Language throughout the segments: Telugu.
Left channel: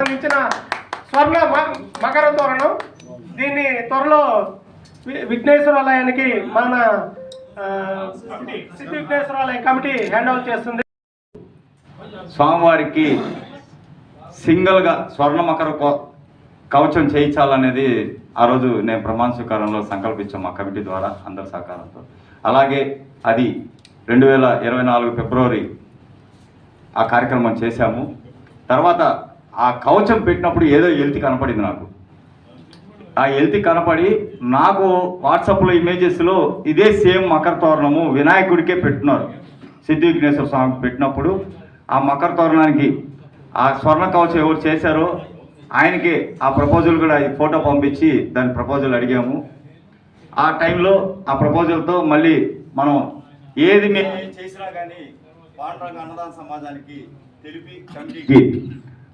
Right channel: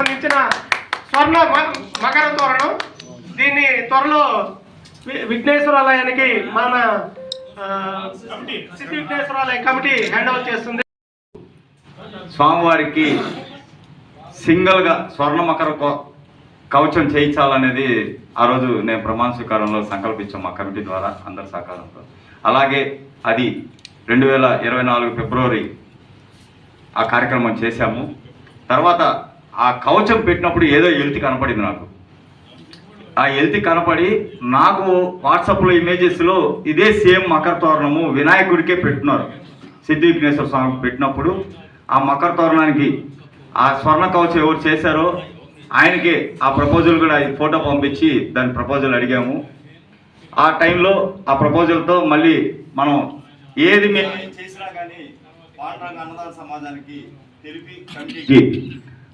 సంబంధించిన స్వర్ణ మకర తోరణం. దీన్ని త్వరలో వి- విఘ్నేశ్వరాలయానికి మన సిద్ధి విఘ్నేశ్వరాలయ కమిటీ హ్యాండ్ చేస్తుంది. స్వామివారికి సింగిల్గా స్వర్ణ మకర కవచం చేయించాలనేది ఆ రోజు నేను ప్రమాణ స్వీకారంలో సంకల్పించాం మా కమిటీ ద్వారా అందరి సహకారంతో. అలాగే అది రెండు వేల ఇరవై నాలుగు ఫిబ్రవరి ఆ కార్యక్రమం చేశాము. తర్వాత ఆ కవచం పెట్టినప్పుడు ఏదో ఎల్తి కనపడింది నాకు. ఆ ఎల్తి కనపడి నాకు వాట్సాప్లో ఇమేజెస్లో ఇదే సేమ్ మకర తోరణము వినాయకుడికే పెట్టున్నారు సిద్ధి విఘ్నేశ్వర స్వామికి పెట్టినప్పుడు ఆ మకర తోరణానికి ఆ స్వర్ణ కవచం ఎవరు చేశారో ఆయనకి ఆ ప్రపోజల్ కూడా ఈ ఫోటో పంపించి దాని ప్రపోజల్ అడిగాము. ఆ టైంలో ఆ ప్రపోజల్తో మళ్ళీ మనం ఏది మేము చేసినా కానీ పాండురంగ అన్నదాన సమాజానికి తెలిపి కమిటీకి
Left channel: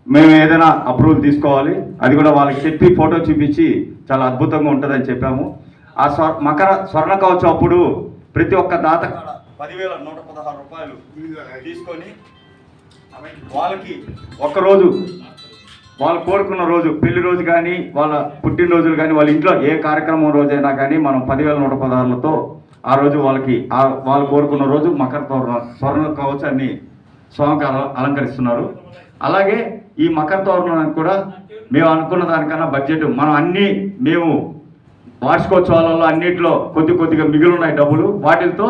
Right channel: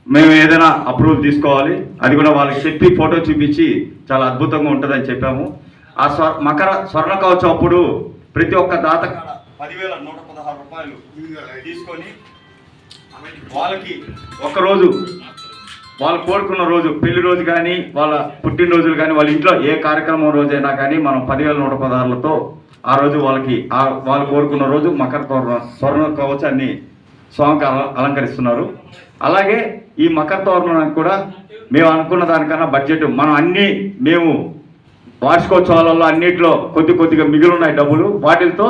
మేము ఏదైనా అప్రూవల్ తీసుకోవాలి. అది కూడా వాళ్ళకి చెప్పి ఫోటో చూపించి చాలా అద్భుతంగా ఉంటుందని చెప్పాము. ఆ స్వ మకర స్వర్ణ కవచం అప్పుడు ప్రతి ఒక్క దాత కాడ పదివేల నూట పదహారు రూపాయలు తీసుకొని వాళ్ళకి ఒక్కరోజు వాళ్ళు కోరుకున్న రోజు పెళ్ళి రోజు కానీ వాళ్ళ పుట్టినరోజులు కానీ వాళ్ళ ఇంట్లో ఏ కార్యక్రమం రోజైనా కానీ మనం పదివేల నూట పదహారులతో ఆ రోజు వాళ్ళకి ఆ వాళ్ళు కోరుకున్న రోజు మకర తోరణ స్వర్ణ కవచాన్ని స్వామికి అలంకరిస్తున్నారు. అలాగే ఈ మకర తోరణానికి కూడా మేము అనుకున్న దానికన్నా బడ్జెట్ మనం అన్నీ మేము వార్షికోత్సవాలలో అన్నింటిలో కొద్ది కొద్దిగా మిగిలి ఉన్నాయి డబ్బులు వాటితో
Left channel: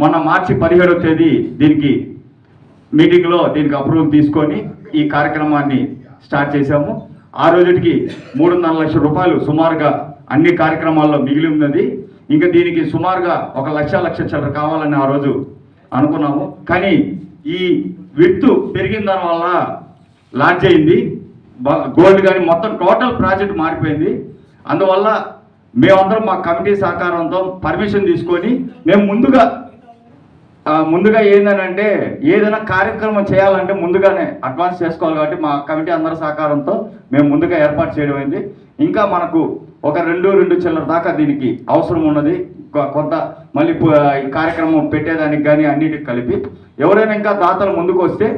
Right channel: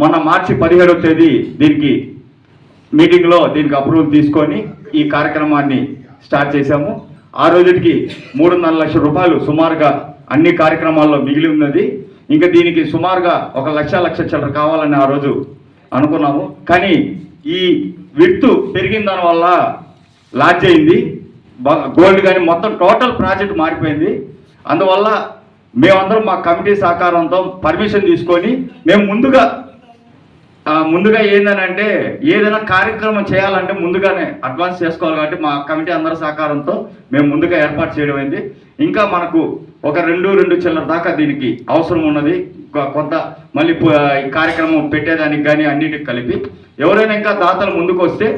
మొన్న మార్చి పదిహేడవ తేదీ దీనికి మీటింగ్లో దీనికి అప్రూవల్ తీసుకొని ఈ కార్యక్రమాన్ని స్టార్ట్ చేశాము. ఆ రోజుకి మూడున్నర లక్షల రూపాయలు సుమారుగా అన్ని కార్యక్రమాల్లో మిగిలి ఉన్నది. ఇంకా దీనికి సుమారుగా ఒక లక్ష లక్ష చిల్లర కావాలని ఆ రోజు అనుకున్నాము. కానీ ఈ విత్తు పెరిగిన దానివల్ల లాంచ్ అయింది. గోల్డ్ కానీ మొత్తం టోటల్ ప్రాజెక్ట్ మారిపోయింది. అందువల్ల మేమందరం మా కమిటీ సహకారంతో పర్మిషన్ తీసుకొని మేము ముందుగా ముందుగా ఏంటంటే ఏదైనా కార్యక్రమం చేయాలంటే ముందుగానే అడ్వాన్స్ చేసుకోవాలి కాబట్టి మా కమిటీ అందరి సహకారంతో మేము ముందుగా ఏర్పాటు చేయడం అయింది. ఇంకా మనకు ఒక రెండు రెండు చిల్లర దాకా దీనికి అవసరం ఉన్నది. కొంత మళ్ళీ ఈ కార్యక్రమం పెట్టేదానికి కానీ అన్నిటికి కలిపి ఎవరైనా ఇంకా దాతలు ముందుకు వస్తే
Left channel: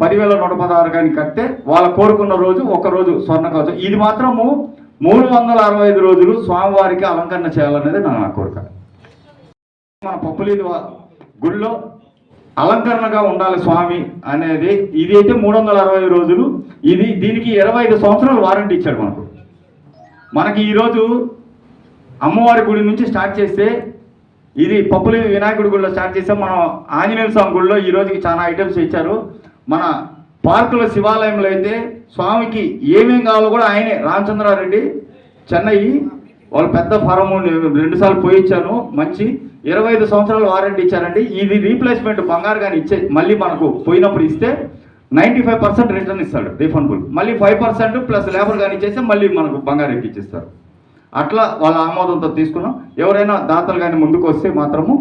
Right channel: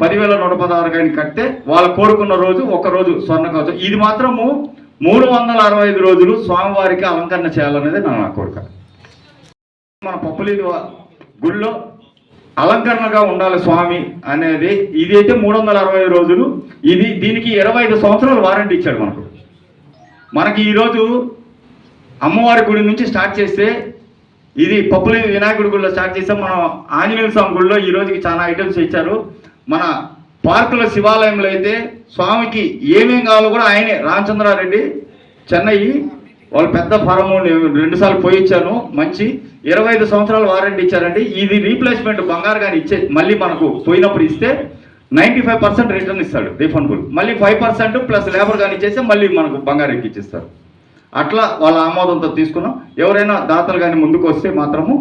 పదివేల నూట పదహారు కానీ కడితే వాళ్ళు కోరుకున్న రోజు ఒక రోజు స్వర్ణ కవచం. ఇది మాత్రము మూడు వందల అరవై ఐదు రోజులు స్వామివారికి అలంకరణ చేయాలనేది నా నా కోరిక. మన పప్పులీది గుళ్ళో గుడిలో అలంకరణగా ఉండాలి స్వామి అనేది. ఇది అయితే మూడు వందల అరవై రోజులు. ఇది దీనికి ఇరవై ఐదు సంవత్సరాలు వారంటీ ఇచ్చాడు మనకు మనకి ఈరోజు అమ్మవారి గుడి నుంచి స్టార్ట్ చేస్తే ఇది పప్పులి వినాయకుడి గుడిలో స్టార్ట్ చేస్తే మనం ఆంజనేయ స్వామి గుడిలో ఈ రోజుకి చాలా ఐటమ్స్ ఇచ్చారు. మన పార్కుల శివాలయంలో అయితే స్వామికి ఏమేం కావాలో కూడా ఆయనే. రామచంద్రారెడ్డి చెన్నై వాళ్ళు పెద్ద ఫారం రెండుసార్లు పోయి ఇచ్చాను. మంచి ఇరవై ఐదు సంవత్సరాలు వారంటీ ఇచ్చారండి. ఇది రీప్లేస్మెంట్ బంగారు కానీ ఇచ్చే మళ్ళీ మనకు పోయినప్పుడు ఇస్తే నైంటీ ఫైవ్ పర్సెంట్ రిటర్న్ ఇస్తాడు రీఫండబుల్. మళ్ళీ ఫైవ్ పర్సెంట్ ప్లస్ లేబర్ కానీ ఇచ్చేస్తే మళ్ళీ మనకు బంగారు ఎక్కిచ్చిస్తారు అట్లా వాళ్ళ ఆమోదంతో తీసుకున్నాం. ఎవరైనా దాతలు కానీ ముందుకు వస్తే మాత్రము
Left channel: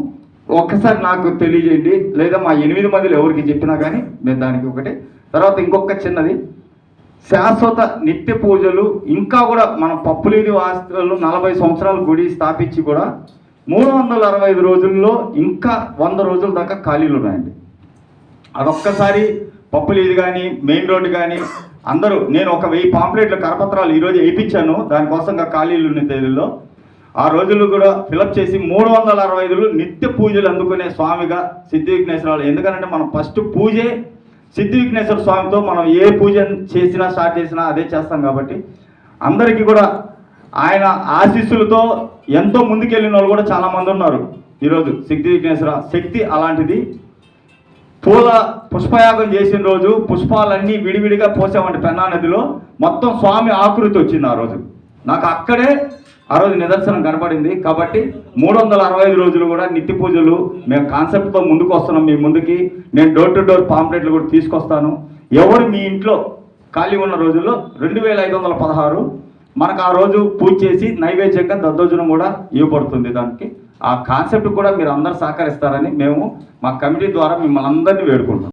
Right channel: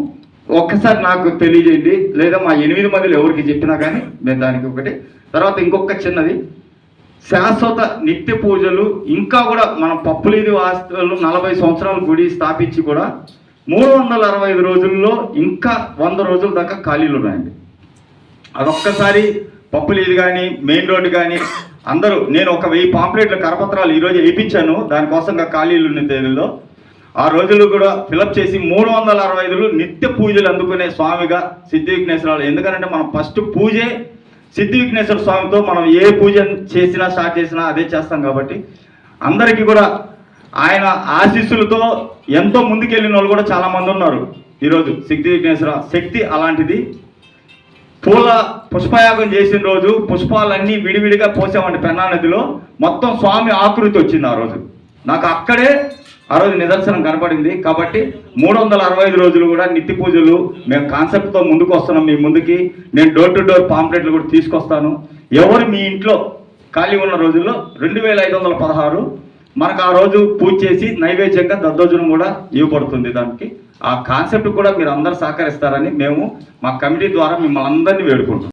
ఒక్కసారి నాకు తెలియజేయండి. లేదా మా ఎనిమిది మందిలో ఎవరికి చెప్పినా కానీ నేను దానికి ఒకటి. తర్వాత ఇంకొక చిన్నది. శాశ్వత నిత్య పూజలు ఇంకా కూడా మన పప్పులేని వాస్తువులు నలభై సంవత్సరాల గుడి స్థాపించి కూడా మూడు వందల అరవై ఐదు రోజుల్లో ఇంకా వంద రోజుల దాకా ఖాళీలు ఉన్నాయండి. అదొక్కసారి పప్పులీది కానీ మెయిన్ రోడ్డు కానీ అందరూ నేను ఒక వెయ్యి పాంప్లెట్లు కరపత్రాలు ఈరోజు వేయించాను. దానికోసం ఖాళీలు ఉన్న తేదీలో ఆ రోజులు కూడా ఫిలప్ చేసి మూడు వందల అరవై ఐదులు నిత్య పూజలు అందుకునే స్వామిగా సిద్ధి విఘ్నేశ్వరాలు. ఎందుకంటే మనం ఫస్ట్ పూజే సిద్ధి విఘ్నేశ్వర స్వామితో మనం ఏ పూజ చేసినా స్టార్ట్ చేసినా అదే చేస్తాం కాబట్టి అందరికీ కూడా ఆయన ఆశీస్సులతో ఎంతో ముందుకెళ్ళిన వాళ్ళు కూడా చాలామంది ఉన్నారు. ఈరోజు సిద్ధి విఘ్నేశ్వర శక్తి అలాంటిది. పూల పుష్పయాగం చేసిన రోజు పుష్పాలన్నీ విడివిడిగా పోసామంటే పెన్నా నదిలో మొత్తం స్వామి ఆకృతి వచ్చింది ఆ రోజు. నాకు అక్కడే ఆ రోజు నిదర్శనం కనపడింది. కాబట్టి మూడు వందల అరవై ఐదు రోజులు కూడా నిత్య పూజలు మేము కాన్సెప్ట్తో ముందుకు వస్తున్నాం మీ ముందుకి. నేను డోర్ టు డోర్ పాంప్లెట్లు కూడా తీసుకొస్తాను. ఎవరు మీ ఇంట్లో ఖాళీ ఉన్న రోజుల్లో రెండు వేల ఐదు వందల పదహారు మనకు ఆ రోజు పూజ చేసి నైవేద్యంగా దద్దోజనం కూడా ఇవ్వబడుతుంది దానికి. ఆ కాన్సెప్ట్ కూడా మీరు అందరూ సహకరిస్తారని మేము మా కమిటీ ద్వారా మిమ్మల్ని అందరినీ వేడుకుంటాం